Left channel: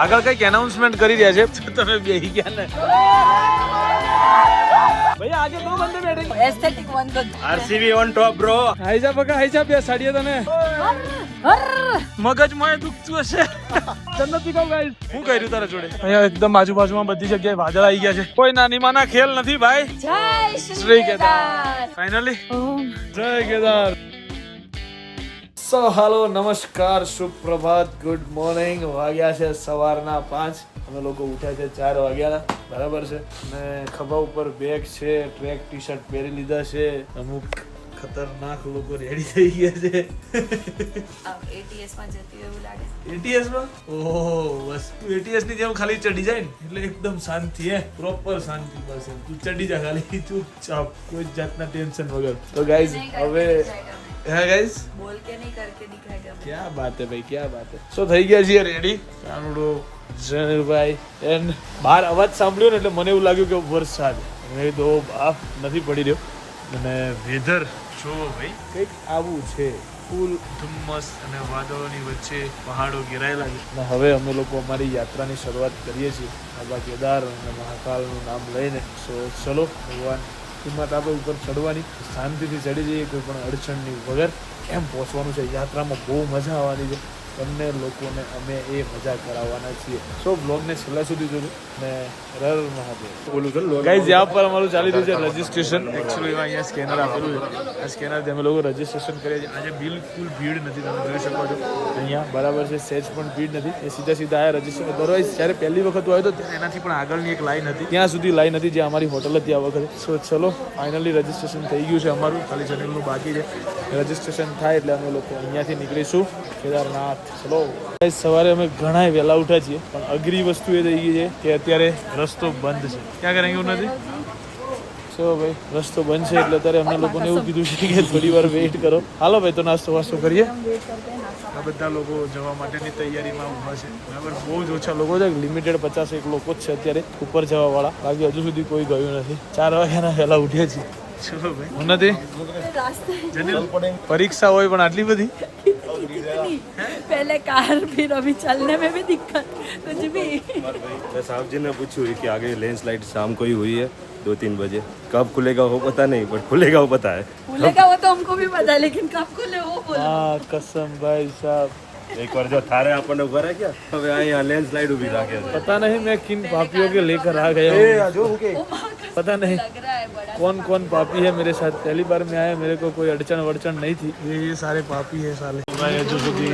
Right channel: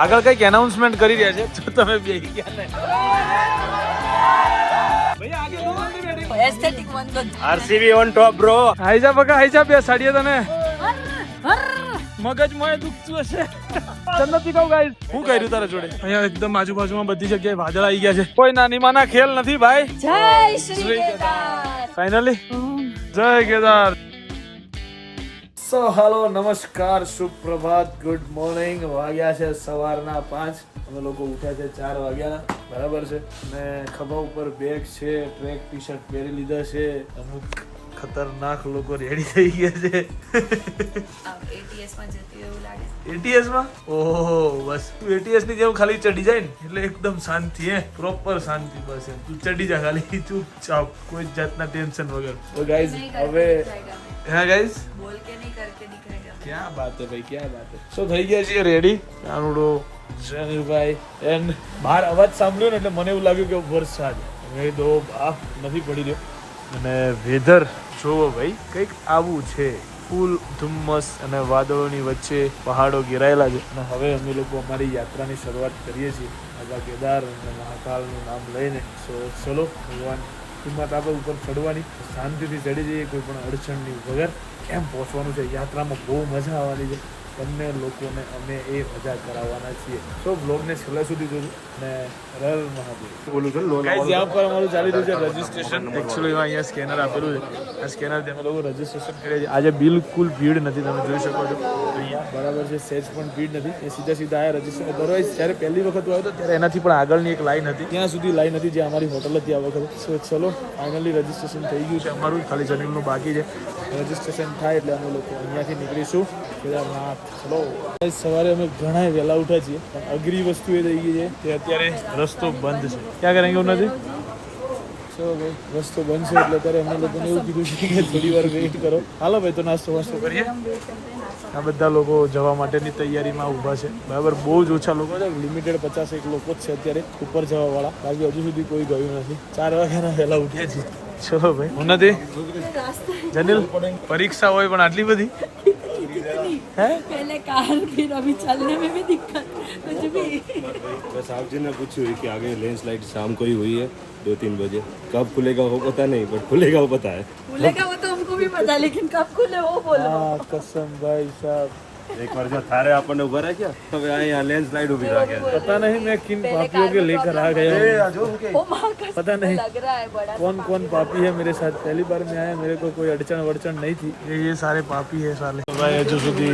આગળ કઈક એનાઉન્સમેન્ટ કરી રહ્યા છે તો તમે બેહી ગયા ને ભૈયા આજે બહુ બંધ batting aesthetic one RCB on top bro. હાઈજા બકા હાઈજા બે સાડીએ તને મગજ માં દુખતું હશે જન્નતી કહું ગાઈસ હું કર્યું તારા જોડે અહીંયા એકદમ આજુબાજુમાં બધી જગ્યાએ વાદળ આવી ગયા છે કોઈ નાની માના ખેલ નથી ભાઈ જય શ્રી કેદાર ફાઇનલી જય કેદાર સો હાલો નમસ્કાર સુપ્રભાત ગુડ મોર્નિંગ વાગ્યા છે સવારના 5 અમે લોકો ઉઠ્યા છે 4 વાગ્યા બરાબર છે અને ખભા ઉપર બેગ છે ટ્રેક ટી શર્ટ પહેરી લીધા છે અમુક ખતરનાક લોકો રેડી થઈ ગયા છે એટીએસ માં જતી એવું લાગે એટીએસ માં ઓહો બસ તું એટીએસ ની જેમ ખાલી ચડી જાય ને એટલે એકદમ શાંતિ હે પ્રોપર શાંતિ બસ તું ચડી જા ખાલી ચૂપચાપ કોઈ જાતના ટેન્શન વગર તો ગાઈઝ હવે હા ગાઈઝ બોલ કે નહીં કરકે દિખાएगा क्या बात है भाई क्या बात है સો થઈ ગયા છીએ રેડી કાનુડો ભાઈ એન્ડ બહાર અવાજ સાંભળ્યો ને એટલે મને એવું લાગ્યું કે વરસાદ હવે તો બાપ નથી પડી રહ્યો અને વેધર જોવો ભાઈ કંઈક આવું છે ફૂલ ધુમ્મસ અને વાદળોની વચ્ચે પહાડો ઘેરાયેલા છે અને હવે અમે લોકો અમારી યાત્રાની શરૂઆત કરીએ છીએ બાબા કેદાર અને મહાકાલનું નામ લઈને સો ચલો ભગવાન કિંમત આપણે ઉપર ચડવાની શાંતિથી ચડી જઈએ કોઈ પણ અડચણની વગર એમ પહોંચવાનું છે યાત્રામાં બહુ મજા આવવાની છે તમને લોકોને અમે એ મજા કરાવવાના છીએ સો બ્લોગને છેલ્લા સુધી જોજો ને રર મહાદેવ બોલું છું ગાઈઝ જ્યાં પર અમારું ચાલી રહ્યું છે રજિસ્ટ્રેશન એકચ્યુઅલી અહીંયા સ્કેનર આપેલું છે આ સ્કેનરથી અમે લોકો રજિસ્ટ્રેશન કરીએ છીએ આજે બિલકુલ ભીડ નથી તમે જોઈ શકો છો અહીંયા બરાબર છે સહેજ પણ ભીડ નથી એ સીધા સીધા આયા રજિસ્ટ્રેશન દરવાજ જ્યારે પહેલી વખત આવ્યો હતો ત્યારે એનાથી પણ આગળની એક લાઈન હતી ત્યાં સુધી લાઈન હતી જે અમારી હોટલ હતી આ વખતે સો ચલો ફાઇનલી રજિસ્ટ્રેશન થઈ ગયું છે અમારું ખાલી જનરલનું બાકી છે રજિસ્ટ્રેશન થાય એટલે અમે લોકો અહીંયાથી નીકળીશું કેદારનાથ ચલો સવારે અમે ઘણા વહેલા ઉઠ્યા છીએ પણ અઘરી વસ્તુ એ થઈ ગઈ છે કે અત્યારે રસ્તો બંધ છે ક્યાં કરેંગે એવું નથી સો ભાઈ રસ્તો બંધ છે એટલે અત્યારે અમને લોકોને એવું કીધું છે કે થોડી વાર વેઇટ કરો હાલો ભાઈ તો નાસ્તો વાસ્તો કરીએ આ બધા લોકો જવા માટેની તૈયારીમાં ઊભા છે બરાબર બહુ જ ઓછા લોકો છે લિમિટેડ 51 લોકો જ છે અત્યારે ઉપર જવાવાળા બાકી હજુ સુધી કોઈ ગયું નથી 4 વાગ્યાના વહેલા ઉઠ્યા છીએ ચલો ભાઈ હું નથી જનીલ પરીક્ષા હોય પણ આટલી બધી पहले कार फिर अभी चलने में भी दिक्कत कुछ भी मैं साहब जी ने पूछी हुई कि आगे लैंडस्लाइड शाम को ही हुई है 2-3 बजे कब खुलेगा वो पता नहीं बट खुलेगा वो पता है खुलेगा वो तो हमको भी पता लेकिन कब खुले वो बोलो हाँ कसम भाई साहब एक बार जो थारे आपने उभा रहा क्या હવે અહીંયા लैंडस्लाइड उभी रहा क्या पता नहीं मैं किन पापियों के लेकर आ गया हूँ पता नहीं लग रहा है बड़ा कौन कौन पापी है मेरे साथ पहली बार मैं आया मेरे को कोई अड़चन वड़चन नहीं थी ये सारे पापी है साले भाई હજુ સુધી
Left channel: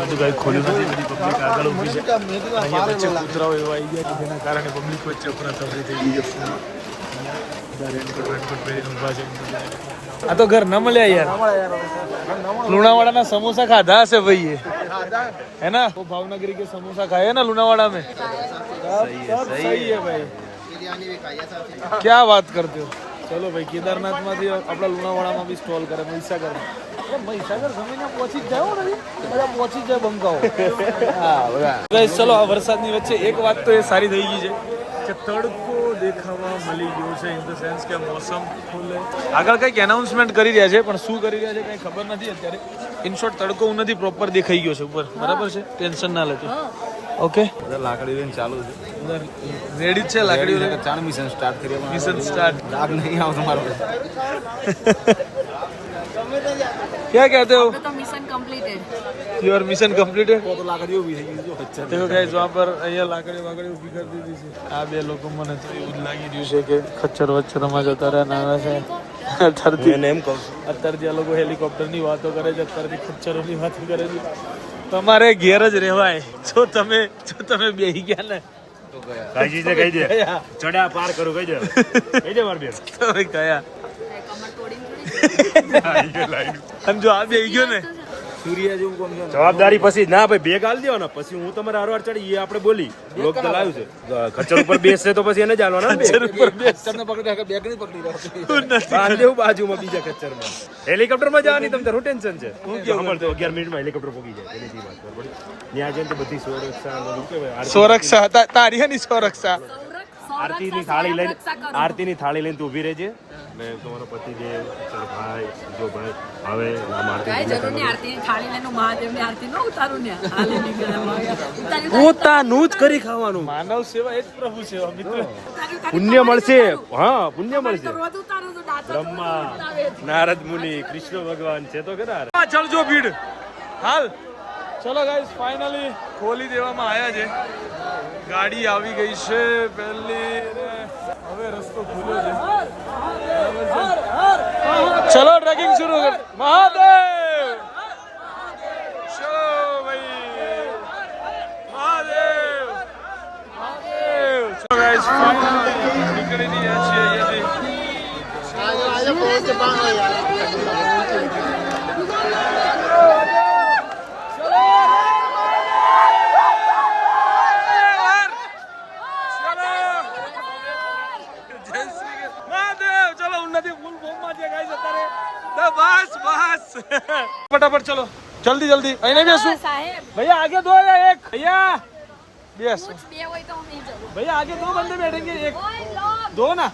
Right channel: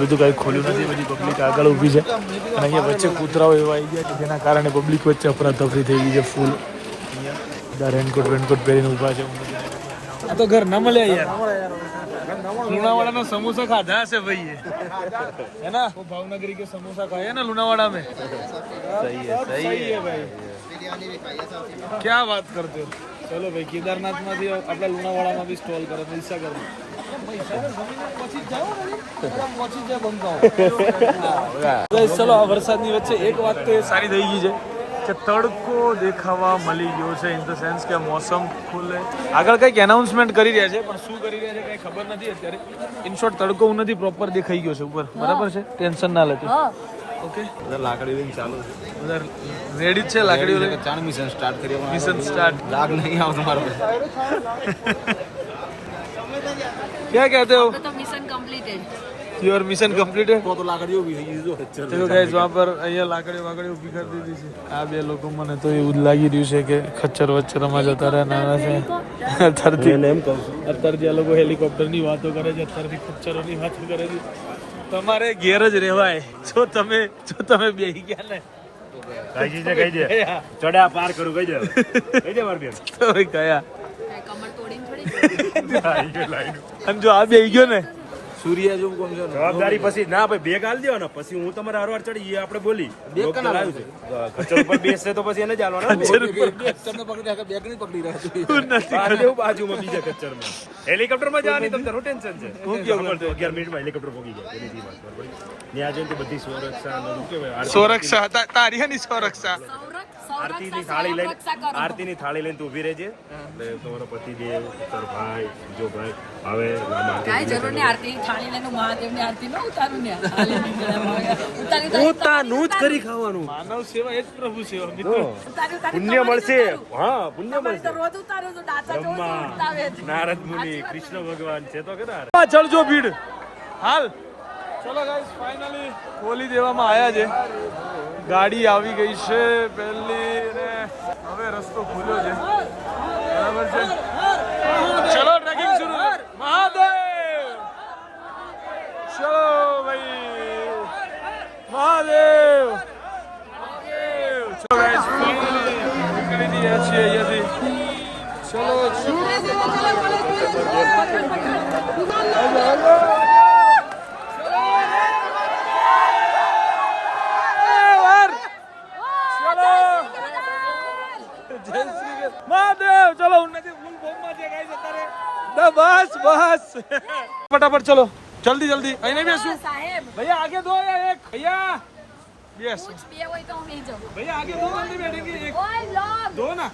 બધું કાંઈ ખોલ્યું નથી બધી પબ્લિક આગળ ઊભી છે અને અહીંયા વચ્ચે કૂતરાઓ એવા આવી ગયા કે જેના કારણે પબ્લિક વચ્ચે અફરાતફરી થઈ ગઈ છે ફૂલ અહીંયા બધા રેનકોટ પહેરીને ઊભા છે આ તો ઘર ન મળ્યા યાર लुणावाड़ा में समोसा खाधा से भाई ये है ना वो भावनगरी के समोसा खाए ना लुणावाड़ा में सही है भाई क्या बात करते हो चलो भाई केदारनाथ में अपना लुणावाड़ा में भी स्टॉल करे મહીસાગર જમીને પહોંચી જ જાઓ ભાઈ બધા પહોંચી જાય બંકાઓ ચલો આ વરસાદની વચ્ચે એક વાત તો એ સારી થઈ ગઈ છે કે તડકો દેખાવા મળી ગયો છે ઇન ધ સેન્સ કે મોસમ ખુલે આગળ કંઈક એનાઉન્સમેન્ટ કરી રહ્યા છે પણ શું કરી રહ્યા છે કંઈ ખબર નથી અત્યારે ઇન શોર્ટ તડકો નથી પ્રોપર દેખાઈ ગયો છે ઉપર બરાબર છે ટેન્શન ના લેતું ઓકે બધા લાકડી લઈને ચાલુ છે બધા રેડી જ છે લાકડીઓ લઈને ચાર મિશન સ્ટાર્ટ કરીએ મિશન સ્ટાર્ટ લાગ નહીં આવ તમારો क्या कहते हो तो mission completed your mission completed તો લાકડીઓ ઉભી થઈ ગઈ છે देखो गाइस वहाँ पर અહીંયા લાકડીઓ વાકડીઓ ઊભી કરી દીધી છે આ બે લોકો મને તો એવું લાગી રહ્યું છે કે ખચ્ચર વચ્ચે તમે જતા રહ્યા છે અત્યારથી એને એમ કહું છું અત્યારથી આ લોકો હેલિકોપ્ટરની વાતો કરે છે અત્યારથી ખચ્ચરોની વાતો કરે છે તમારે ઘેર જ રહેવાય જો તમે બેહી ગયા ને કાજીને કહી દે ચડ્યા પાર કરું કહી દે માર બેન તમે કયા कमर तोड़ी थोड़ी અને જો આ બેહી ગયો ને સૂર્ય જેવું કોમ છે જવાબદારી પછી ના ભાઈ બે ગાલ દેવો ને પછી હું તમારે હારવાર ચડી એ આપણે બોલી લોક ચલાવ્યું છે ખચ્ચર ઉપર બેસશે તો પછી એને જ હાલવાના ખચ્ચર ઉપર ખચ્ચરને પકડી રાખે બેક નહીં પકડી રાખે નથી બાંધ્યું બાજુમાં બીજા ખચ્ચરમાં હેલિકોપ્ટરમાં જવાની તમને શું ટેન્શન છે હું કેવું 11 મિનિટમાં હેલિકોપ્ટર પહોંચી જાય એની વાત બરોબર ત્યાં જઈને તો બધી સુરક્ષા અને શું કહેવાય સુરક્ષા તારી ની સુરક્ષા આરતીની થાળી લઈને આરતીની થાળી લઈને તું ઊભી રહેજે ને તમારો પતિદેવ તારો ભાઈ જો ભાઈ હવે કાંઈ જરૂર નહીં આરતીની થાળી લઈને હું મહાદેવની આરતી ન ઉતારું ને હાલી નીકળ્યા પોતાનું જ કરી ખાવાનું માનવ સેવા એ જ પ્રભુ સેવા મિત્રો. પુણ્ય મળશે હા પુણ્ય મળશે રોજ ઉતારે તો ડાચા બ્રહ્મા નારદ મુનિ કૃષ્ણ ભગવાન છે તો કેદાર ચડજો ભીડ હાલ. ચલો ગાઈસ ફાઇનલી ખોલી દેવામાં આવ્યા છે. ગાડી આવી ગઈ છે પહેલી ને હવે રસ્તો ખુલ્યો છે બરાબર છે. ચલો ટ્રેકિંગ શરૂ કર. મહાદેવ ચલો ભાઈ મહાદેવ મહાદેવ. ચલો ગાઈસ ફાઇનલી નીકળી ગયા છીએ અહીંયાથી. મહાદેવ ચલો ઉન્નતિ ફૂલ બોમ્બમાં છે ગાઈસ અત્યારે. ના બસ બસ ફટાફટ ચલો જલ્દી જલ્દી અહીં નહીં બેસું સાહેબ भैया आगे दो या एक भैया बेस कुछ भी હોય તો હું નહીં જવું भैया आगे दो बंदे बैठेंगे एक ઓય લોગ दो ना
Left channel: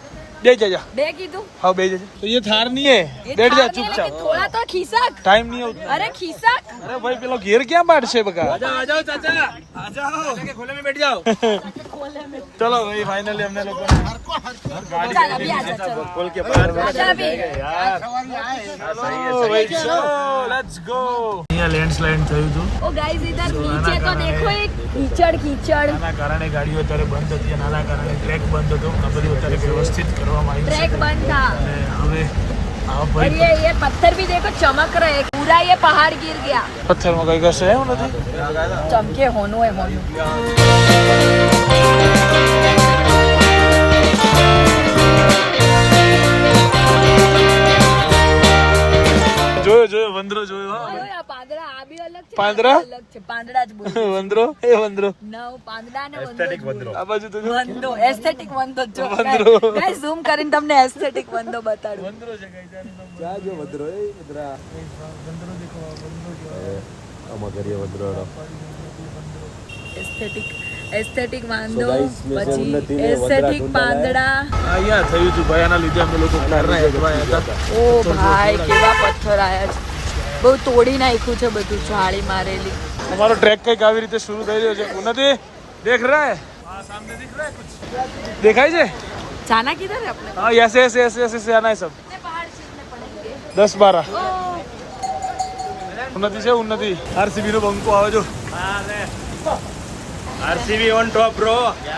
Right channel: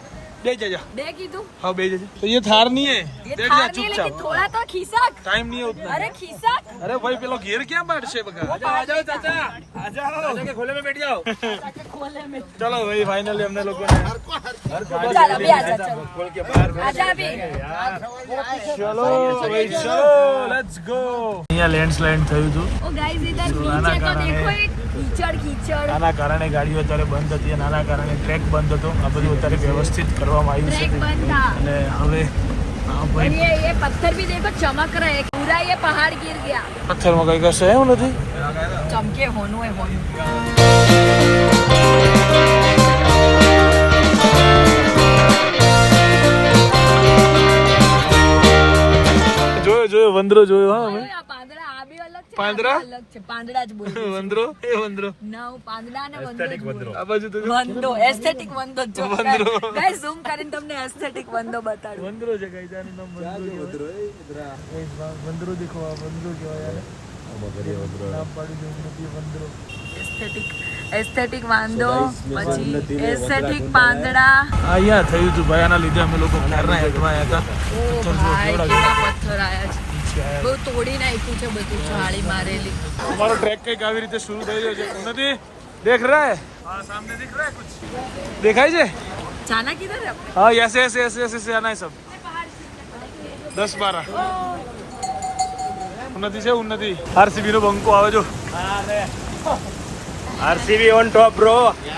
दे जा બે કીધું हाँ बेच जा. तो ये थार नहीं है ये बैठ जा थार नहीं, चुपचाप. लेकिन थोड़ा तो खिसक टाइम नहीं है उतना. अरे खिसक अरे भाई पेलो घेर क्या बांट से बका आ जाओ चाचा आ जाओ के खोले में बैठ जाओ खोले में चलो भाई फाइनली हमने लोगों ने चल अभी आजा चलो खोल के बाहर आजा अभी चलो भाई चलो लेट्स गो. અહીંયા લેન્ડસ્લાઇડ થયું હતું. ओ गाइस इधर तो आना नीचे तो कारणा देखो है। एक कीचड़ આના કારણે ગાડીઓ અત્યારે બંધ હતી અને આના કારણે ટ્રેક બંધ હતો. આ બધું અત્યારે વ્યવસ્થિત કરવામાં આવ્યું ट्रैक છે बंद था અને હવે આ और ભાઈ ये पत्थर भी देखो चमक रहे हैं पूरा ये पहाड़ गिर गया પથ્થરમાં કઈ કશે એવું નથી. चमके होनो है होनो જોયો જોયો વંદરો જોયો હા અમે. આ પાંદડા આ બી અલગ છે પાંદડા? આ બી અલગ છે પાંદડા જ બોલ વંદરો એ વંદરો ના હું પાંદડા ને વંદો આ બાજુ તો જો. વંદો એસ્થેટિક વંદો જો વંદરો. ગાઈસ ઝૂમ કરીને તમને એસ્થેટિક વંદો બતાડું વંદરો છે ગાઈસ આનું નામ વંદરો. વંદરો દેખો આ વંદરો જો એસ્થેટિક વાંદો પછી એસ્થેટિક પાંદડા અહીંયા થયું હતું ભાઈ. આના લીધે અમે લોકો ક્યારના હેઠવાયા હતા. ઓ ભાઈ કેવા પથ્થર આયા છે બહુ તોડી નાખ્યું છે બધું જાળી મારેલી हमारा ट्रैक कई कावी रीते शुरू થઈ રહ્યો છે. ઉન્નતિ देख रहा है हां सामने दिख रहा है कुछ देखाई છે जाना किधर है अपने हाँ ऐसे ऐसे ऐसे ऐसे से आना है सब 10-12 ઉન્નતિ છે ઉન્નતિ. આરસીબી નો બંકો આવે જો. RCB on top bro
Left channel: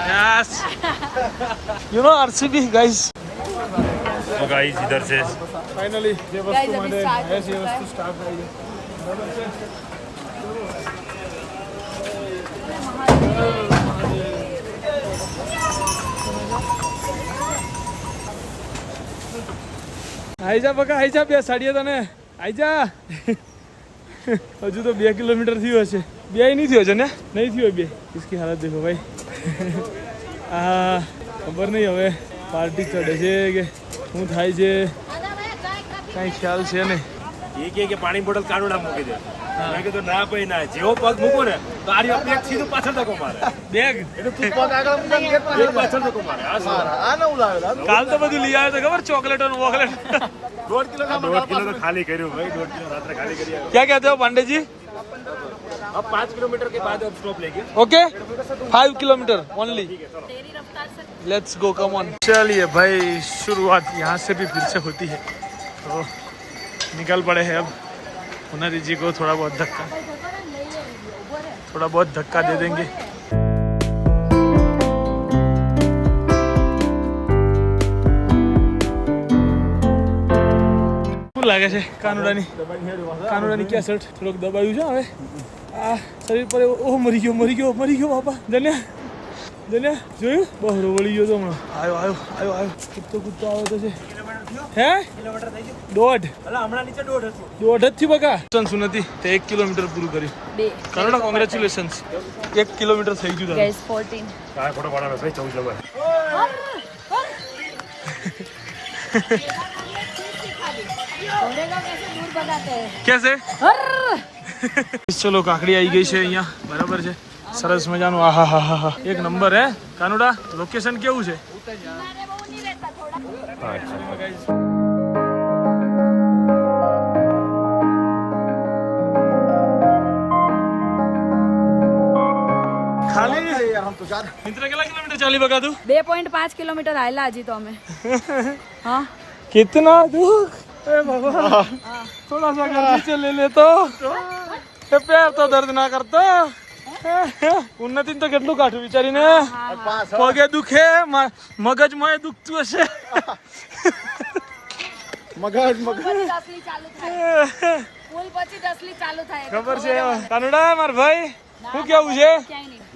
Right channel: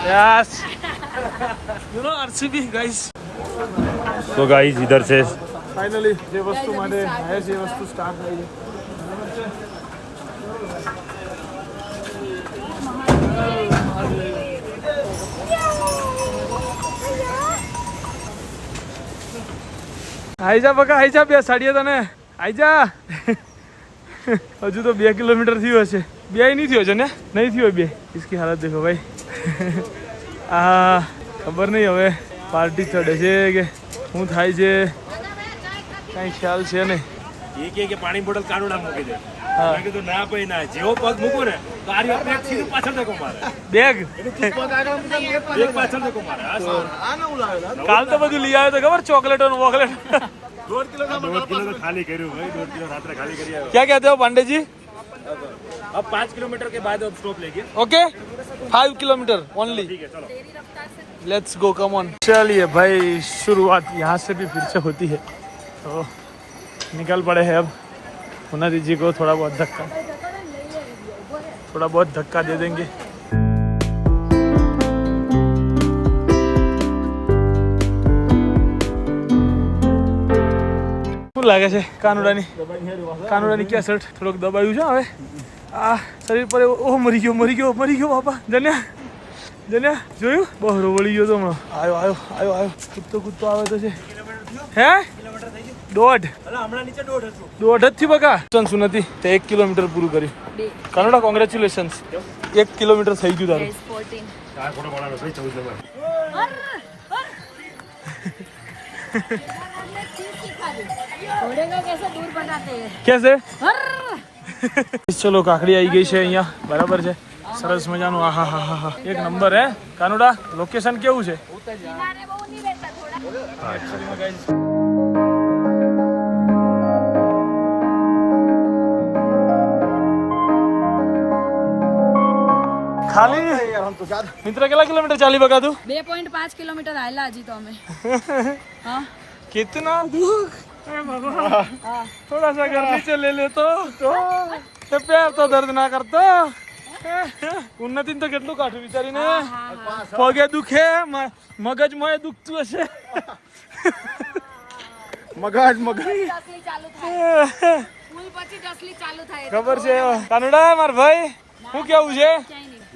yes you know RCB guys. तो गाइस इधर से फाइनली જે વસ્તુ Guys, માટે अभी start આયા છે એ हो વસ્તુ સ્ટાર્ટ થઈ છે. બરાબર છે. આઈ જા બકા આઈ જા બે સાડીએ તને આઈ જા. હજુ તો 2 કિલોમીટર થયું હશે. બે નહીં થયો છે ને નહીં થયો બે. इसकी हालत देखो भाई. આ ખબર નહીં હવે પાર્ટી ચડે છે કે શું થાય છે કાંઈ ખ્યાલ છે નહીં. કે પાણી બોટલ કાનુડા મૂકી દે હા. મેં કીધું ના ભાઈ ના જેવો પગ મૂકો ને તો આરી આપણે સીધું પાછળ ધક્કો મારે બેગ એક પાછળ ધક્કો મારે હા સર કાલ તો બધું લઈ આવ્યો તો ખબર ચોકલેટો ને વોકલેટ. 1.5 કિલો તો ખાલી કર્યું ભાઈ 1.5 કિલો રાત્રે ખાલી કરી આવ્યો क्या कहते हो पांडे जी अब 5 किलोमीटर के बाद अब स्टॉप लेंगे okay 5 kilometre only let's go come on. चलिए भाई शुरुआत यहाँ से भी फिर से होती है तो निकल पड़े हैं अब. उन्नति जी को थोड़ा बहुत धक्का दे देंगे. શું લાગે છે કાનુડાની ક્યાં શર્ટ થોડોક દબાયું છે હવે આ શરીર પર ઓહ મરી ગયો બાપા. જન્યા જોયું બહરો વળી ગયો તો હમણાં. આવ્યો કૂદતો આવે તો છે હે દોઢ હમણાં નીચે 1.5 હતું દોઢ જ થી બકા. સુનતી તે 1 કિલોમીટર પૂરું કર્યું. બે કાનુડા કોંગ્રેચ્યુલેશન્સ 1 કિલોમીટર થઈ ગયું તારું. गाइस 14 આ ખોટો પાડવાનો છે 14 નંબર घोड़े को कैसे दूर बनाते हैं कैसे हर ચલો કાકડી આવી ગઈ છે અહીંયા બરાબર છે. સરસ મજાનું. આહા હા હા હા, એક નંબર હે કાનુડા. લોકેશન કેવું છે? ખાલી મિત્ર કેટલા કિલોમીટર ચાલી બકા તું? 2.5 કિલોમીટર આયલા હજી તો અમે. હા कितना दुख ए बाबा, थोड़ा सा घर नीचे ले ले तो पैर तो दर्द ना करता. ઉન્નતિ તો કેટલું કાઠું વિચારીને. પગે દુખે, મગજમાં દુખતું હશે. ખબર છે કાનુડા માર ભાઈ, શું કેવું છે?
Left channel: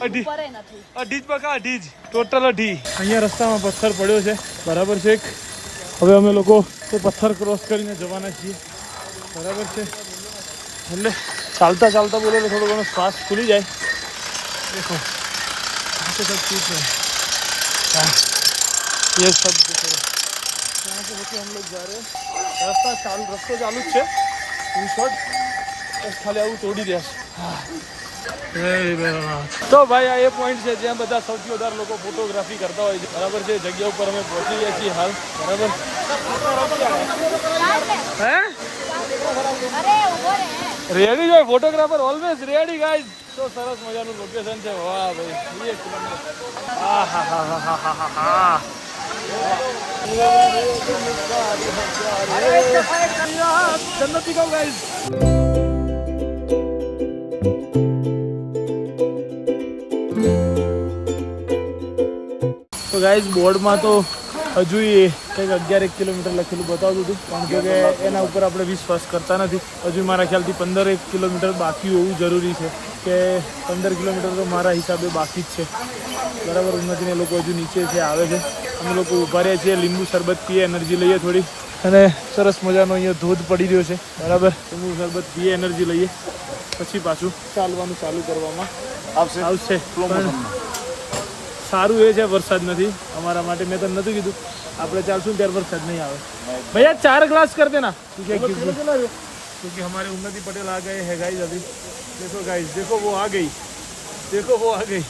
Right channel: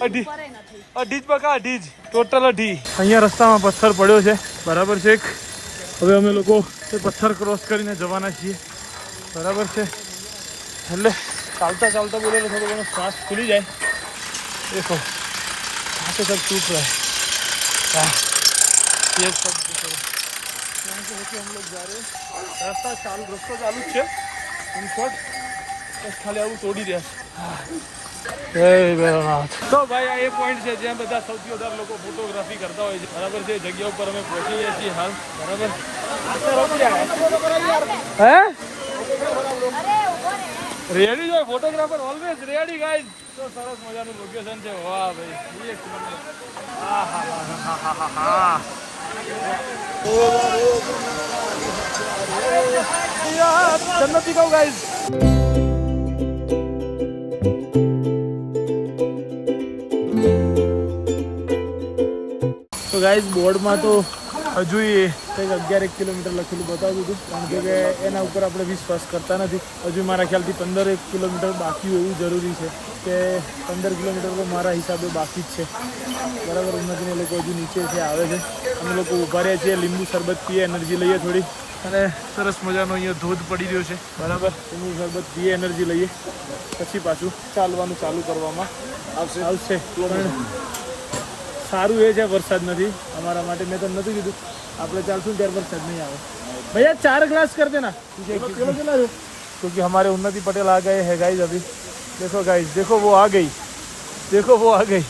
અઢી જ બકા, અઢી જ, ટોટલ અઢી. અહીંયા રસ્તામાં પથ્થર પડ્યો છે, બરાબર છે. હવે અમે લોકો તે પથ્થર ક્રોસ કરીને જવાના છીએ, બરાબર છે. એટલે ચાલતા ચાલતા બોલે તો થોડો ઘણો શ્વાસ ખુલી જાય. देखो यहाँ से सब टूट रहा है. ये सब देखो यहाँ से होके हम लोग जा रहे हैं. रस्ता चालू જ છે. इन शॉर्ट બસ ખાલી આવું તોડી રહ્યા છે. તો ભાઈ આ એ પોઈન્ટ છે જ્યાં બધા સૌથી વધારે લોકો ફોટોગ્રાફી કરતા હોય છે, બરાબર છે. જગ્યા ઉપર અમે પહોંચી ગયા છીએ હાલ, બરાબર. હે રેડી જાય ફોટોગ્રાફર, ઓલવેઝ રેડી ગાઈઝ. તો સરસ મજાનું લોકેશન છે. વાહ ભાઈ, એક નંબર. જન્નતી કહું ગાઈઝ. તો ગાઈઝ બોર્ડમાં તો હજુ કંઈક 11 કિલોમીટર લખેલું બતાવતું હતું, કારણ કે એના ઉપર આપણે વિશ્વાસ કરતા નથી. હજુ મારા ખ્યાલથી 15 કિલોમીટર બાકી હોવું જરૂરી છે, કે 15 કિલોમીટર તો મારા હિસાબે બાકી જ છે, બરાબર. ઉન્નતિને લોકો હજુ નીચે છે, આવે છે. અમે લોકો ઊભા રહ્યા છીએ, લીંબુ શરબત પીએ, એનર્જી લઈએ થોડી. અને સરસ મજાનો અહીંયા ધોધ પડી રહ્યો છે, બરાબર. લીંબુ શરબત પીએ, એનર્જી લઈએ, પછી પાછું ચાલવાનું ચાલુ કરવામાં આવશે. પણ સારું એ છે વરસાદ નથી અમારા માટે. મેં તો નતું કીધું આપણે ચાલશું ત્યારે વરસાદ नहीं આવે. भैया 4 ग्लास कर देना, क्योंकि हमारे उन्नति पटेल आ गए हैं गाइस अभी. देखो गाइस, देखो वो आ गई, देखो वो आ गई.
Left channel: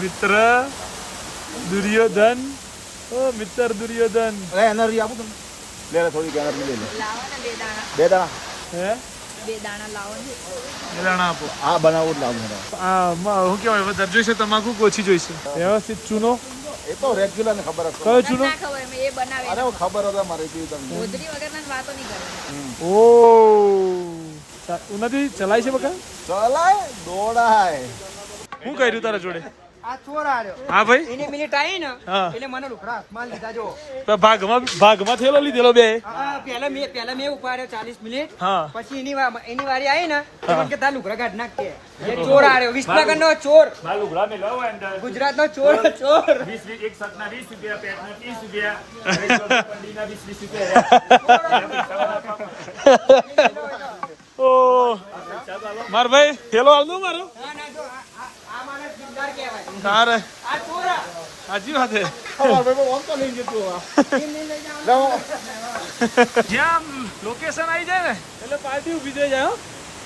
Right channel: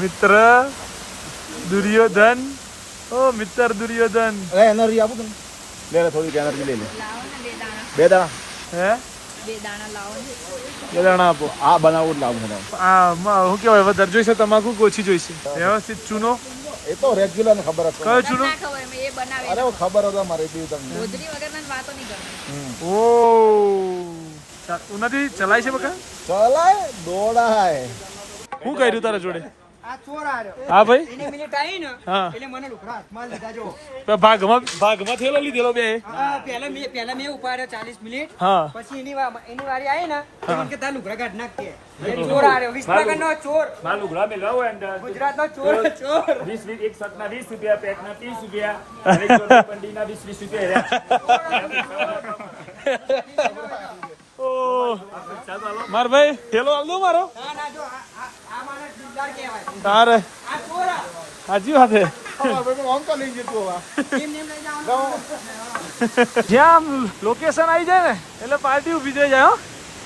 मित्र दुर्योधन, ओ मित्र दुर्योधन. એનર્જી આપો તમે. લે થોડી એનર્જી લે લે. બે દાણા હે? 2 દાણા લાવો ને. 2 દાણા આપો. આ બનાવું લાવું. આ શું કહેવાય, વધારે જોઈશે તમાકુ ઓછી જોઈશે? વ્યવસ્થિત ચૂનો. એ તો રેગ્યુલર ને ખબર હતી. કયો ચૂનો? ના ખબર, મે એ બનાવે. અરે ખબર હતા મારે પીવું તમને. ગોદરી વગરના વાતો નહીં કરવાની. ઓ ઉન્નતિ ચલાય છે બકા? ચલાય દોડાય. શું કર્યું તારા જોડે? આ ચોર આર્યો. હા ભાઈ, એની મિનિટ આવી ને હા, એટલે મને લુખડા હાથમાં લીધા જો. ભાગમાં થયેલો લીધેલો બે. પહેલા મેં ઉપાડ્યો 40 મિનિટ. હા, પછી એની વારી આવી ને એટલે કે તાર લુખડા કાઢ નાખ કે. એ ચોર આર્યો, વિસનગરનો ચોર, બાલુગડા મે લાવો અંદર. ગુજરાતનો ચોર. 20 એક સટના 20 રૂપિયા, પેટના 30 રૂપિયા, અને પંડીના 20 રૂપિયા. ઓ માર ભાઈ થેલો આલ દો મારો. ના ના જો આ માણસ દિલદાર કહેવાય. તારે આ ચોર સાચી વાત છે. જ્યાં લોકેશન આવી જાય ને એટલે પાર્ટી ઊભી થઈ જાય.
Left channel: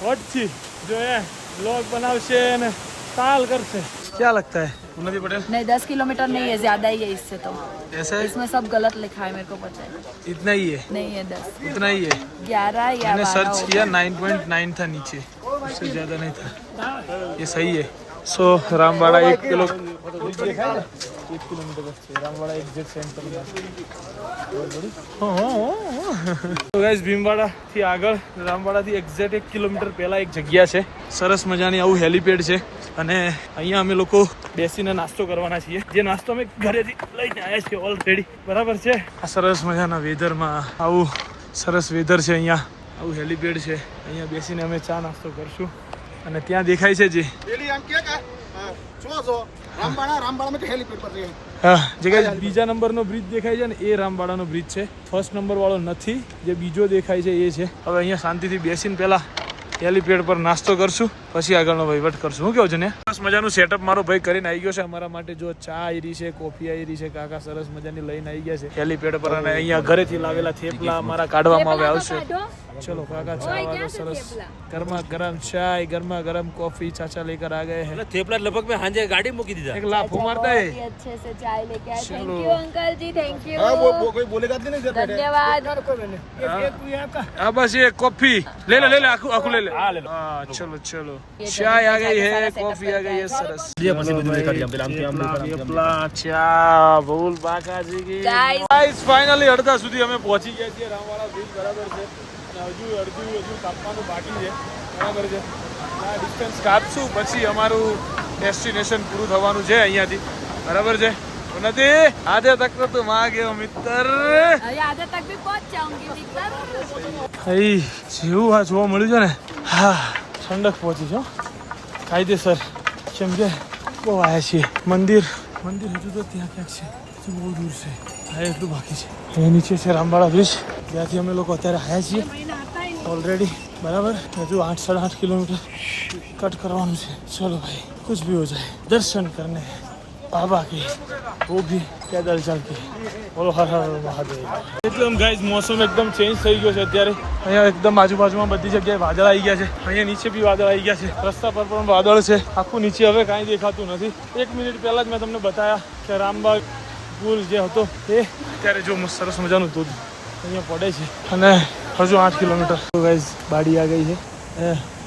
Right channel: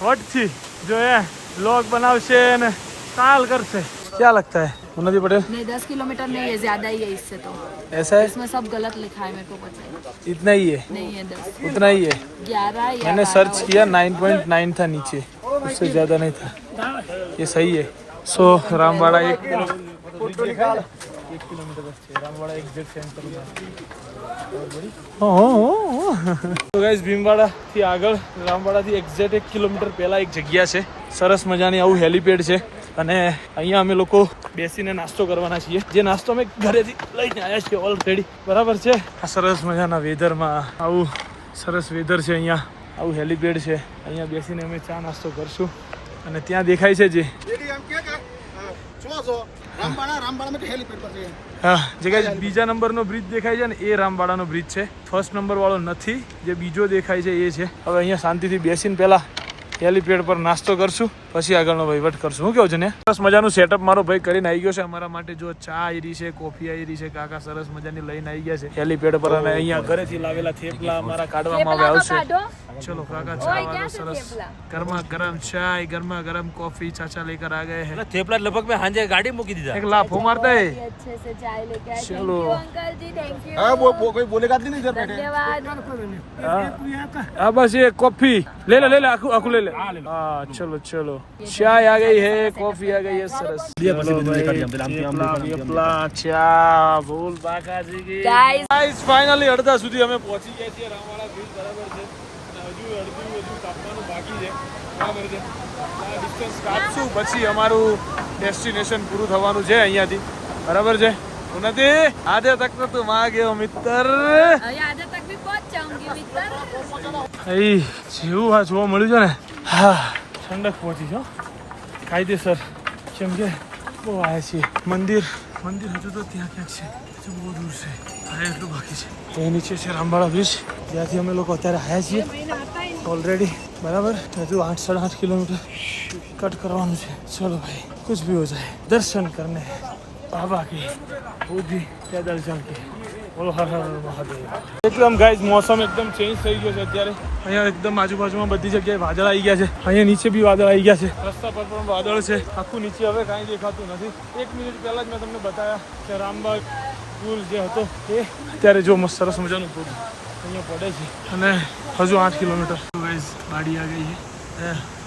વટથી જો એ બ્લોગ બનાવશે ને કાલ કરશે. क्या लगता है उन्नति पटेल? नहीं 10 किलोमीटर नहीं है, ज्यादा ही है इससे. तो ऐसा है? इसमें सब गलत लिखा है, मेरे को पता है. इतना ही है? नहीं है 10, उतना ही है. 11 या मैंने 12 सर्च होगा. किया 9.9 था नीचे, इससे ज्यादा नहीं था. ये सही है. सो रामवाड़ा 1 किलोमीटर बस है. रामवाड़ा एग्जैक्ट सेंटर में. તો ગાઈસ ભીમવાડા થી આગળ રામવાડા થી એક્ઝેક્ટ 1 કિલોમીટર પહેલા એક જગ્યા છે, સરસ મજાની આવું હેલીપેડ છે. અને અહીંયા અમે લોકો બેસીને નાસ્તો કરવાના છીએ, જે નાસ્તો અમે ઘરેથી લઈને આવ્યા છીએ ઓલરેડી, બરાબર છે. આ સરસ મજાના વેધરમાં આવું સરસ વેધર છે, અહીંયા આવું હેલીપેડ છે. અહીંયા બેસીને અમે ચા નાસ્તો કરશું. અને ત્યાં દેખાય છે જે હા, જે કઈ બીજા નંબરનો બ્રિજ દેખાય છે ને એ રામવાડાનો બ્રિજ છે. ફર્સ્ટ નંબર વાળો નથી, જે બીજો દેખાય છે એ છે. હવે અહીંયા શાંતિથી બેસીને પહેલા હેલીપેડ પર નાસ્તો કરશું. પછી આગળનો વહીવટ કરશું. શું કેવું છે ને? સરસ મજાનું સેટઅપ મારો ભાઈ કરીને આવી ગયો છે અમારા માટે. જો ચા આવી છે, કોફી આવી છે, કાકા સરસ મજાની લઈને આવી ગયા છે હેલીપેડ પર. અને અહીંયા ઘરેથી લાવેલા થેપલા અમારા કાઢવામાં આવે આવશે. ચલો કાકા ચા વાળો સરસ ગરમા ગરમ ચાય, ગરમા ગરમ कॉफी चाचा लेकर आ गए हैं. થેપલા લગભગ મેં હાંજે ગાડી મૂકી દીધા. एक लाफो मारता है. अच्छे से चाय लेके आए. चलो. Uncle ji thank you. हाँ वो कोई बोलेगा नहीं सर बैठे धन्यवाद. हाँ बस ये कॉफी ले ले आखू ले ले. हाँ चलो चलो चाय आ गई है, कॉफी आ गई है सरस. चलो भाई थेपला वेपला ચા ભૂલ બાકાજી કી. ગાઈસ ફાઇનલી અડધા સુધી અમે પહોંચી ગયા છીએ રામવાળા બ્રિજ. બરાબર છે. અને હજુ કાપવાનું બાકી છે. બરાબર છે. આ ડિસ્ટન્સ કાપશું પછી અમારું ડેસ્ટિનેશન પૂરું થવાનું છે અહીંયાથી. બરાબર છે. ઉન્નતિ આધે તક તો તું આ ગયો મિત્ર. आधे तक भी पहुंच जाऊंगी मित्र. અહીં જેવું આ જોવા મળ્યું છે ને, હા ઠંડક પહોંચી છો કાયદેસર. જેમ કે બહુ આવ્યા છીએ. મંદિર હજુ તો ત્યાં ક્યાંક છે, હજુ બહુ દૂર છે. હા એટલું બાકી છે. એ નીચે છે રામવાળા બ્રિજ, જ્યાંથી અમે લોકો અત્યારે આવ્યા છીએ ઓલરેડી. બરાબર હજુ 8-8.5 કિલોમીટર કટ કરવાનું છે. ચલો ભાઈ कुछ भी हो जाए दर्शन करने बाबा की, वो भी पैदल चल के. બોલો હર હર મહાદેવ. એકદમ ગાઈઝ મોસમ એકદમ ચેન્જ થઈ ગયો છે અત્યારે. અહીંયા એકદમ આજુબાજુમાં બધી જગ્યાએ વાદળ આવી ગયા છે. અહીંયા નીચે બી વાદળ આવી ગયા છે. રસ્તા પર પણ વાદળ છે. આખું નીચે હવે કાંઈ દેખાતું નથી. 1 મિનિટ પહેલા જ મેં તમને બતાવ્યા કે રામબાગ પુલ જે હતો એ અત્યારે જો મસ્ત સરસ મજાનું દૂધ અહીંયા પડે છે. અને હજુ 8 કિલોમીટર. તો ગાઈઝ બાડી આ ગઈ છે.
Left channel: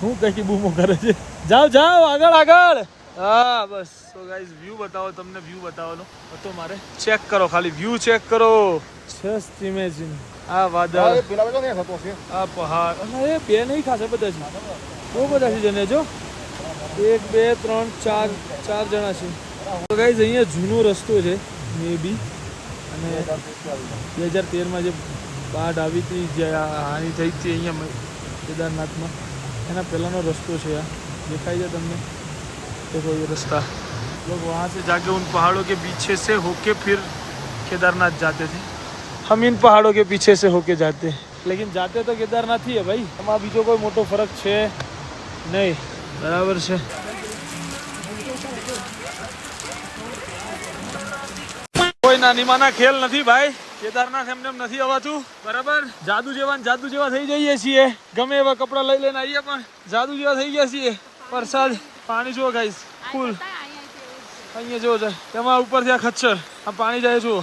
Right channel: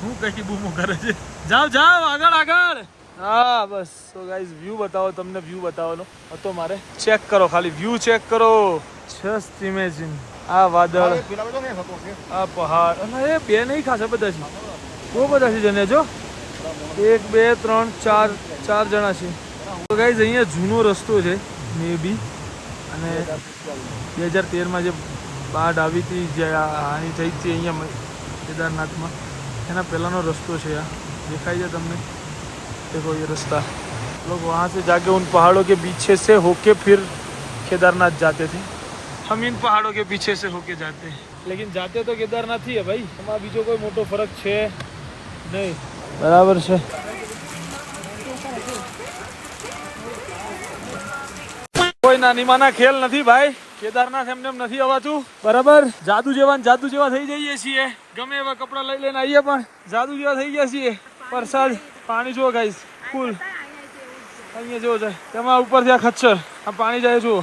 હું કઈ બૂમો કરે છે. જાઓ જાઓ આગળ આગળ. હા બસ. તો ગાઈઝ વ્યૂ બતાવો, તમને વ્યૂ બતાવવાનો હતો મારે. ચેક કરો, ખાલી વ્યૂ ચેક કરો. જસ્ટ ઇમેજિન આ વાદળ, આ પહાડ. અને એ બે નહીં ખાશે બધા છે, બહુ બધા છે જને. જો 1 2 3 4 જણા છે. તો ગાઈઝ અહીંયા જૂનો રસ્તો છે મે બી. અને 2013માં જે બાઢ આવી હતી, જે હાનિ થઈ હતી અહીંયા કેદારનાથમાં, એના પહેલાંનો રસ્તો છે. આ દેખાય છે તમને? देखो ये रास्ता. लोग वहाँ से जाके उन पहाड़ों के पीछे से होके फिर केदारनाथ जाते थे. हम इन पहाड़ों के पीछे से होके जाते हैं, लेकिन जाते तो केदारनाथ ही है भाई. એમાં બીજો કોઈ મોટો ફરક છે નહીં. બરાબર છે. કોઈ નાની માના ખેલ નથી ભાઈ. કેદારનાથ એમને નથી અવાતું. બરાબર જાદુ જેવા થઈ જઈએ છીએ. ગમે એવા કપડા લઈ લઈને આવીએ પણ જાદુ જેવા થઈ ગયા છીએ. વરસાદ, પાણી જુઓ ગાઈસ ફૂલ. અહીંયા જુઓ તેમાં ઉપરથી આ ખચ્ચર, આ પાણી જાય જુઓ.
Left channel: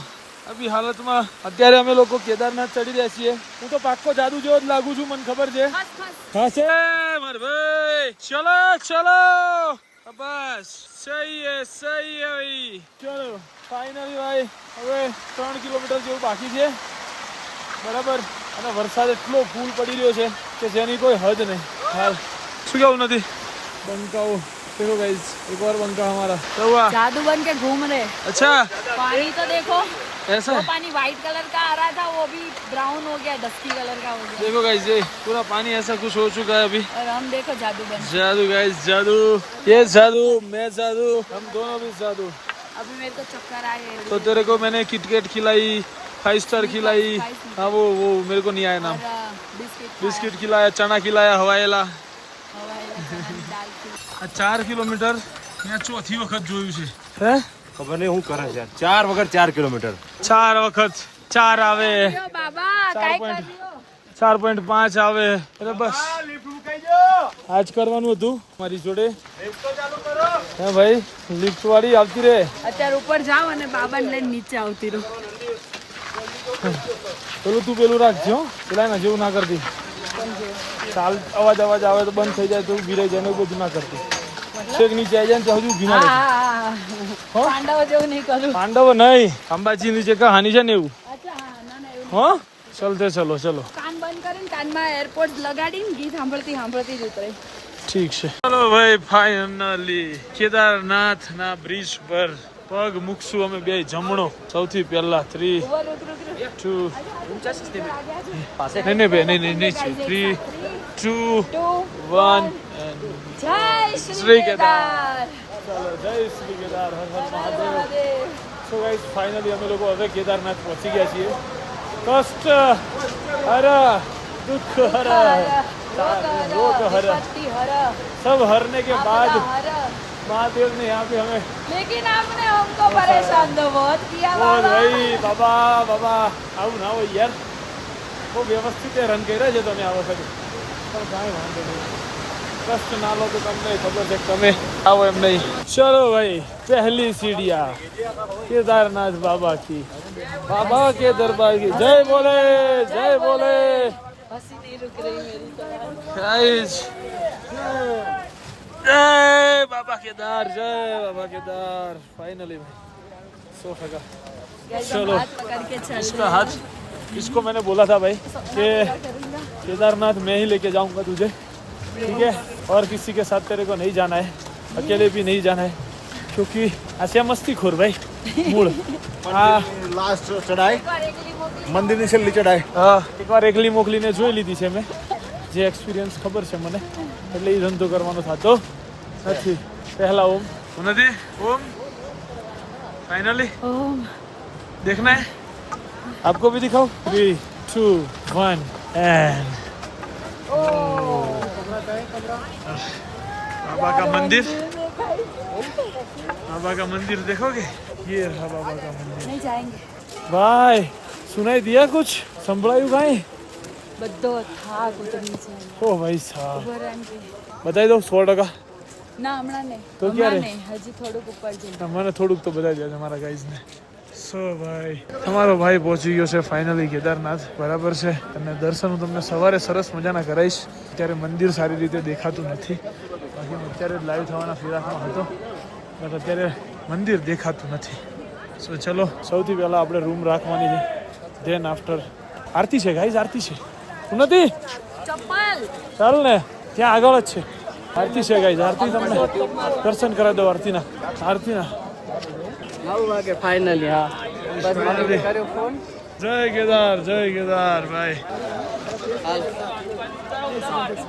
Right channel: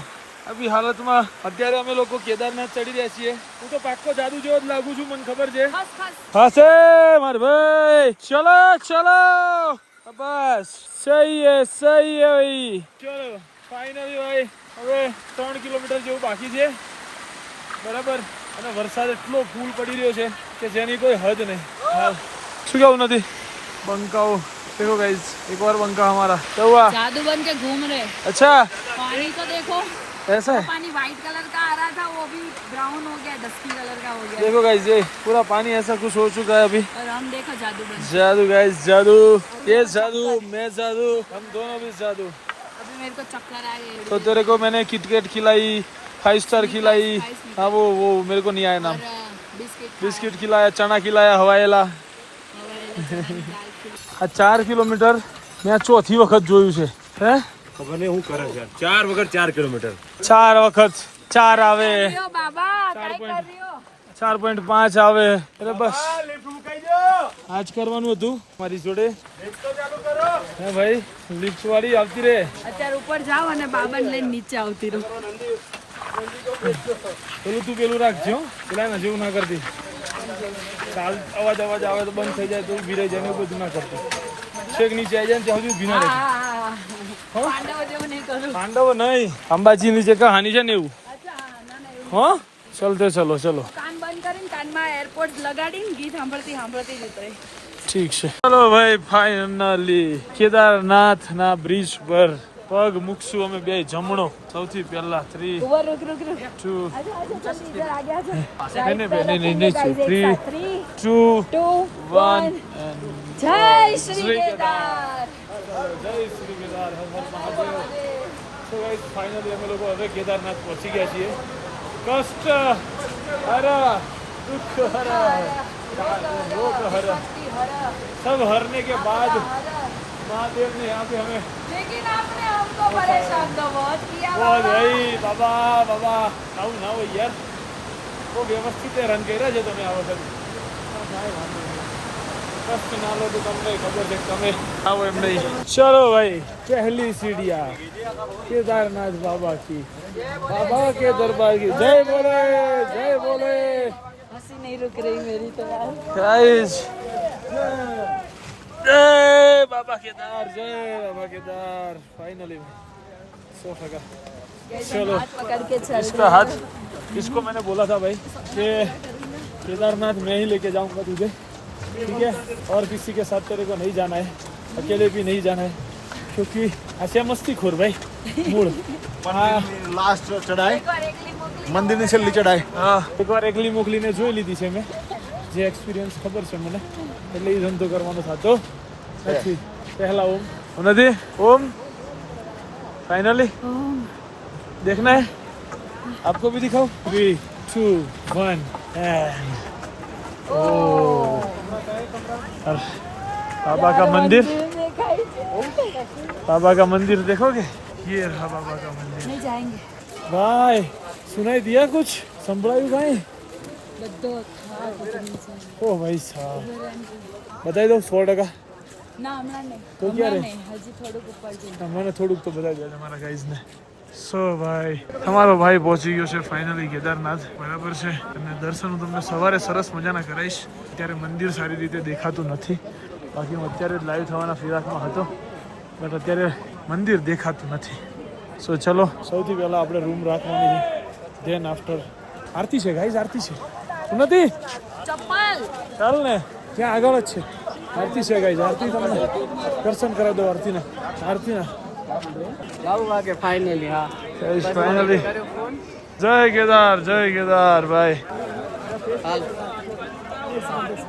આવી હાલતમાં અત્યારે અમે લોકો કેદારનાથ ચડી રહ્યા છીએ. હું તો પાક્કો જાદુ જેવો જ લાગુ છું, મને ખબર છે. હશે માર ભાઈ. ચલો ચલો બસ સહી હે ભાઈ. ચલો ફાઇનલી ભાઈ હવે 3 કિલોમીટર જેવું બાકી છે. બરાબર. અને વરસાદ એટલો ફૂલ પડી રહ્યો છે કે જેની કોઈ હદ નહીં. હાલ શું કેવું નથી. बंकाओ देखो गाइस, एक और बंका हमारा. क्या हुआ? जादू बन के घूम रहे. अच्छा पानी तो देखो ऐसा है. पानी व्हाइट कलर का आ रहा था, वो भी ब्राउन हो गया, डस्टी कलर का हो गया. देखो गाइस ये पूरा पानी ऐसा कुछ हो चुका है अभी. और हम देखो जादू बन. जादू गाइस जादू. ये जादू, मैं जादू, हम दोनों भी जादू. अभी मेरे को चक्कर आ गए. तो तेरे को मैंने किटकेट खिलाई, 5 स्टार खिलाई. हाँ वो मेरे को नहीं आया नाम. बिस्किट खिलाया, चना खिलाया, हवाएला. આ 4 કિલોમીટર મેં ચોથી વખત જોયું છે. હે ખબર નહીં હું કરે છે. 4 વગર 4 કિલોમીટર. 4 વખત 4 આવે, બાબા કાઈ કર્યો. 4.5 આવે. અરે બસ આજ કરવાનું હતું મારી જોડે. હે ભાઈ લિફ્ટ વાળી આવતી રહે. અત્યારે ઉપર જાવ અને બાબાને લઈને નીચે આવતી રહું. પેલું રાખજો. પેલા ના જેવું ના કરતી. ચાલ અવાજ આવે તો બંધ થઈ જાય તો ઊભી રહી જાય ને બધું ના કરતી. છેક નીચે આવી જાય ને ત્યાં હજુ ઊભી ના રહેતી. પાંડવો જેવું નહીં કરું. પાંડવો નહીં, અંબાજી ની જે કહાની છે ને એવું. હા ચલતે ચલો ચલો. કાન બંધ કરીને કાનમાં એરપોર્ટ લગાડીને ગીત સાંભળતી જ ઉતરે. ઠીક છે. ચલો ભાઈ ફાઇનલી કેદારનાથ ના બ્રિજ પર પગ મૂકશું અમે બે જમણો. સૌથી પહેલા 3 2 નહીં 3 2 1 જય શ્રી કેદાર. ચલો જય Shri Kedar. Har Har Mahadev. So guys finally અમે લોકો હવે કેદારનાથ પહોંચી ગયા છીએ. કષ્ટ હર દુઃખ હર वो तो हर सब हरने के बाद महादेव ने यहाँ पे हमें लेकिन आपने हमको परेशान तो बहुत किया बहुत भाई बाबा बाबा આવું ના હોય યાર બહુ વ્યવસ્થિત રન કર્યા છે તમે આ વખતે પણ કાંઈ વાંધો નહીં કષ્ટ ના લો તો તમને ખબર છે કે તમે આવો એમ નહીં ચલો ભાઈ પહેલી सीढ़ियाँ केदारनाथ बाबा की बाबा के दरबार की जय बोले हंसी नहीं रुक रही मेरी तो गाइस जय बाबा केदार फाइनली भाई सोफा का चलो हाथ पकड़ के चल इसका हाथ इसको मैंने बोला था भाई कि केदारनाथ मैं ही लेके जाऊंगा तुझे ठीक है और किसी के साथ तेरे को नहीं जाना है अकेले भी नहीं जाना है क्योंकि ऐसे मस्ती खोर भाई मूड हाँ લાસ્ટ ચડાય મંદિરની છેલ્લી ચડાય હા એકવાર એકલી મોકલીને જોઈ લીધી છે મેં જે એક્સપિરિયન્સ ખબર છે મને એટલે એ ધંધો કરવાનો થતો નથી પહેલા ઓમ નથી ઓમ फाइनली देखना है आपको भी दिखाओ 3 2 1 एंड ओ बाबा का मंदिर देखोगे ये रहा बाबा का मंदिर नहीं जाएंगे भाई सुनाई दिया कुछ संभળાયું કાંઈ બધો થા कुछ नहीं जाएंगे ओ भाई साहब ઉભો રહેજો बताई दो 100% ના હમણાં નહીં તો ક્યારે? હમણાં નહીં, હજી થોડુંક ઉપર જઈને મને થોડુંક તો બતાવી દો તમારા ગાઈઝને સો ભાઈ તમારો ભાઈ પહોંચી ગયો છે ફાઇનલી કેદારનાથ બરાબર છે અને દર્શન હું તમને સવારે સરસ મજાના કરાવીશ અત્યારે મંદિર સારી રીતે દેખાતું નથી બાકી હું અત્યારે જ લાઈવ થવાના ફિરાકમાં હતો બટ અત્યારે મંદિર દેખાતું નથી સો ચલો સૌથી પહેલાં આપણે રૂમ રાખવાની છે ધેન આફ્ટર આરતી છે ગાઈઝ આરતી છે શું નથી ચપ્પલ ચાલ ને ત્યાં આગળ જ છે આરતી છે ગાઈઝ આરતી તમને દર્શન કરાવી દો આરતીના ફાઇનલી હા फाइनली जय केदार भाई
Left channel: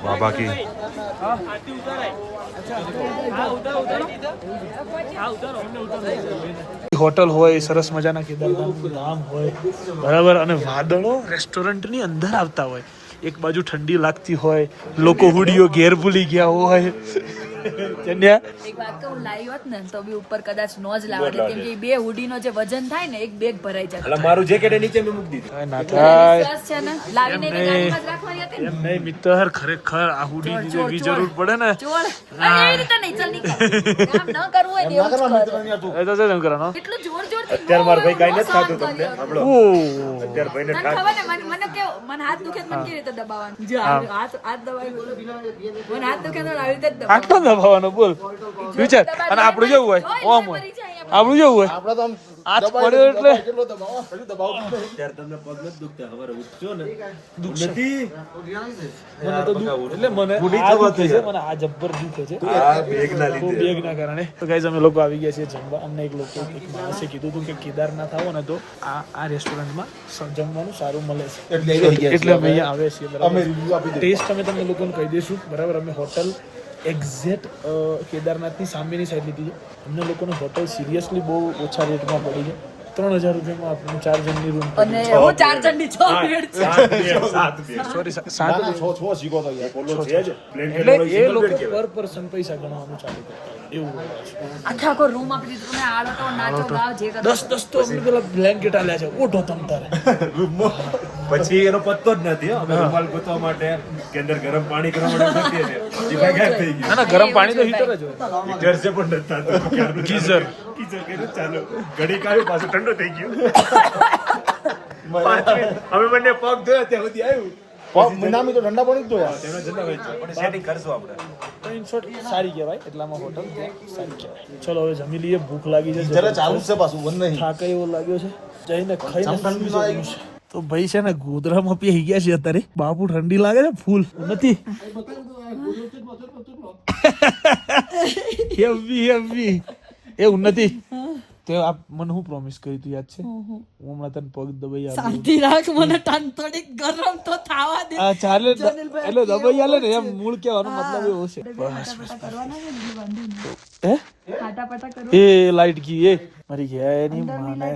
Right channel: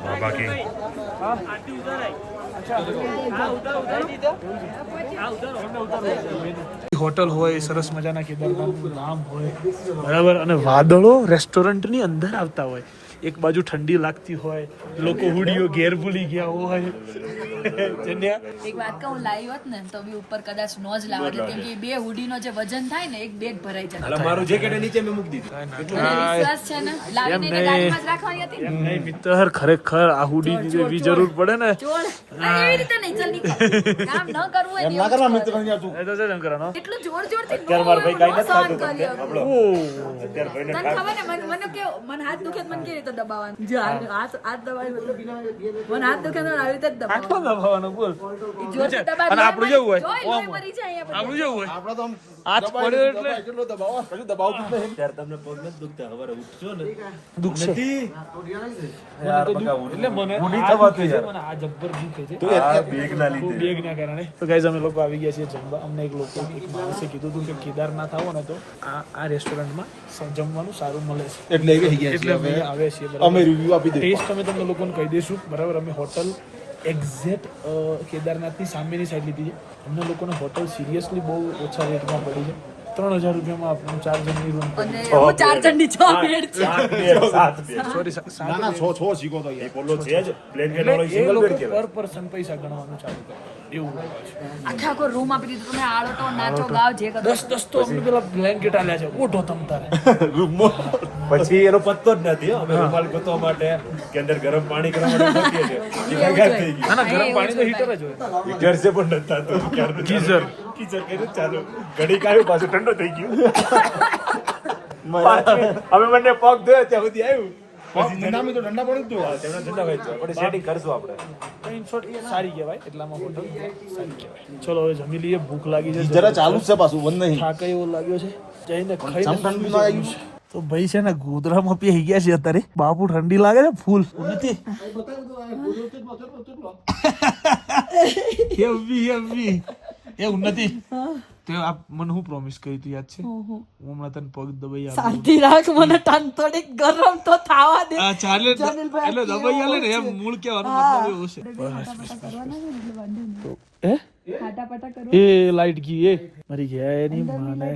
બાબા કી હોટલ હોય સરસ મજાના કેદારનાથનું ધામ હોય બરાબર અને વાદળો રેસ્ટોરન્ટની અંદર આવતા હોય એક બાજુ ઠંડી લાગતી હોય લોકો હુડીઓ ઘેર ભૂલી ગયા હોય જન્યા એક વાત કહું લાવી હોત ને તો બી ઉપર કદાચ નો જ લાવે કેમ કે બે હુડીનો જે વજન થાય ને એક બેગ ભરાઈ જાય અલા મારું જેકેટ નીચે મેં મૂકી દીધું કાંઈ ના થાય વિશ્વાસ છે ને લાવીને એને ગાડીમાં જ રાખવાની હતી ને એમ નહીં મિત્ર ખરેખર આ હુડી જેવી જરૂર પડે ને જોડ અને એવી રીતે નહીં ચાલ નીકળ કામ ન કરવું હોય ને એવું જ કરો. એ તો છે એમ કરવાનો એટલું જોર જોરથી અત્યારે મારો ભાઈ કાંઈ નથી સહન થતું કર્યો. આપણો ઓ અત્યારે ભાઈને તને ખબર ને મને કેવું મને હાથ દુખે તો મને કેવી રીતે દબાવવાનું જો હાથ દબાવી મને હાથ દુખે તો આવી રીતે જ આટલો દબાવવાનું દબાવવાનો બોલ વિચાર અને આપણું જેવું હોય ઓમ હોય આપણું જેવું હોય આપણે તો આમ હાથ પડ્યો એટલે કેટલો દબાવો અત્યારે તમને પગ નથી દુખતા હવારે ઉઠજો ને દુખશે. નથી એટલે મને ઉડી આ થવાતું દુખે છે, યાર. મને આ જબ્બર દુખે છે આ બેગ ના બહુ લીધે બેગના કારણે તો ગાઈઝ અમે લોકો આવી ગયા છીએ જમવા અમને એક માણસે કીધું હતું કે કેદારનાથ આવો ને તો આ રેસ્ટોરન્ટમાં જમવાનું સારું મળે છે એટલે એ થઈ એટલે અમે અહીંયા આવે છીએ બરાબર અમે રિવ્યુ આપી દઈએ ટેસ્ટ અમે તમને લોકોને કહી દઈશું બરાબર અમે હોટલ એક્ઝેક્ટ કેદારનાથની સામેની સાઈડ લીધી છે અમને લોકોને હોટલ સિરિયસલી બહુ ઓછા રેટમાં પડી છે 3000 રૂપિયામાં આપણને 4 જણની રૂમ અને હું 4 જણની 6 બેડ છે સોરી ના 7 ના છો શીખો ભાઈ યાર. બોલો છે જ પ્લેન એટલે કેનો એ સિંગલ લોકો બેડ કહેવાય પર પર્સન પૈસા ગણવાનું ચાલુ કરતા હોય એવું હોય છે આખે આખો રૂમ આપી દીધો તમે આડો તો નાચો ગાવ જે કરો દસ તો અમને પેલા બ્લેન્કેટ આલ્યા છે ઓઢો તમ તારે પછી એનો પત્તો જ નથી હો. અમે રૂમાલ ગોતવા માટે કે અંદર ગરમ પાણી કરવા માટે ગોતીએ છીએ. જીભા ગાયબ થઈ ગઈ ના ના ગરમ પાણી તો હીટર જ હોય ઘર છે પણ નથી થતું. ક્યારનું ગીઝર. ગીઝર કર્યું ચાલુ ઘડી કાઢ્યું પાછું ઠંડો થઈ ગયો અમે બંને પગ ધોયો ત્યાં સુધી આવ્યું મહિનામાં તો ઠંડા પાણી જ તો યાર તેમના જન્મ આપણે સેટિંગ કરશું આપણે તો ઇન શોર્ટ સારી કહેવાય એટલામાં હોટલ સારી કહેવાય ચલો હવે જમી લઈએ ભૂખ લાગી છે જરા ચાલુ જ છે પાછું બંધ નહીં થાક એવો લાગ્યો છે જઈને ખાઈને સુઈ જવાનું છે. તો ભાઈ છે ને ગોદરામાં પી ગયા છે અત્યારે બાપુ ઠંડી લાગે છે ફૂલ નથી હેવી એવું નથી તે આપ મને હું પ્રોમિસ કરી તું યાદ છે હું હમણાં તને પગ દબાઈ આલું. શાંતિ રાખ મને ટન થોડીક ગરમ તો થાવા દે આ ચાલે જનીલભાઈ એટલે દબાઈ આલે ને એમ મૂળ કહેવાનો મતલબ એવો છે બસ હે ફટાફટ એ લાઈટ કી એ મારી ગયા એની માને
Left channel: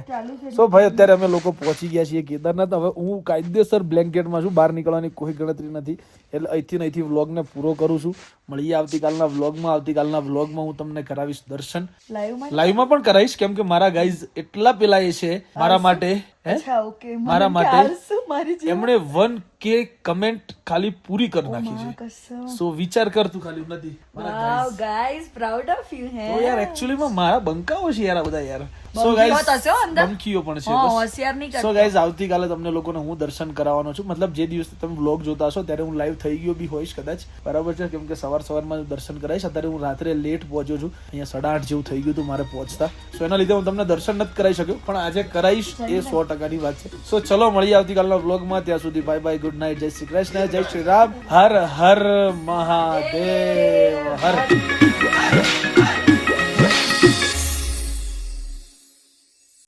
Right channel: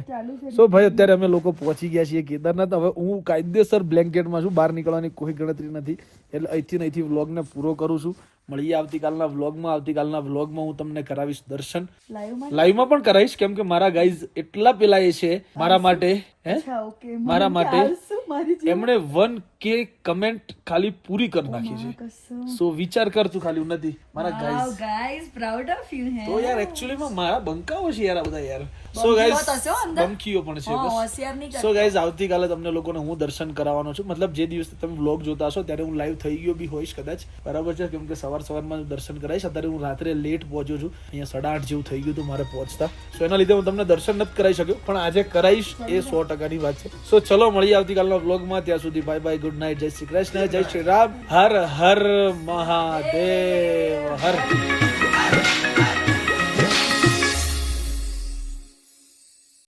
સો ભાઈ અત્યારે અમે લોકો પહોંચી ગયા છીએ કેદારનાથ. હવે હું કાયદેસર બ્લેન્કેટમાં છું, બહાર નીકળવાની કોઈ ગણતરી નથી, એટલે અહીંથી વ્લોગને પૂરો કરું છું. મળીએ આવતીકાલના વ્લોગમાં. આવતીકાલના વ્લોગમાં હું તમને કરાવીશ દર્શન, લાઈવમાં પણ કરાવીશ, કેમ કે મારા ગાઈઝ એટલા પેલા એ છે મારા માટે, મારા માટે એમણે 1K કમેન્ટ ખાલી પૂરી કરી નાખી છે. સો વિચાર કર તું, ખાલી નથી મારા ગાઈસ પ્રાઉડ ઓફ યુ હે. તો યાર એકચ્યુઅલીમાં મારા બંકાઓ છે યાર આ બધા યાર. સો ગાઈઝ બંકીઓ પણ છે બસ. હોશિયાર નહીં સો ગાઈઝ આવતીકાલે તમને લોકોને હું દર્શન કરાવવાનો છું. મતલબ જે દિવસે તમે વ્લોગ જોતા હશો ત્યારે હું લાઈવ થઈ ગયો બી હોઈશ કદાચ, બરાબર છે, કેમ કે સવારમાં દર્શન કરાવીશ. અત્યારે હું રાત્રે લેટ પહોંચ્યો છું, અહીંયા 8:30 જેવું થઈ ગયું હતું મારે પહોંચતા, તો એના લીધે હું તમને દર્શન નથી કરાવી શક્યો, પણ આજે કરાવીશ એ 100%ની વાત છે. સો ચલો મળીએ આવતીકાલના વ્લોગમાં. ત્યાં સુધી બાય બાય, ગુડ નાઇટ, જય શ્રી કૃષ્ણ, જય શ્રી રામ, હર હર મહાદેવ, હર.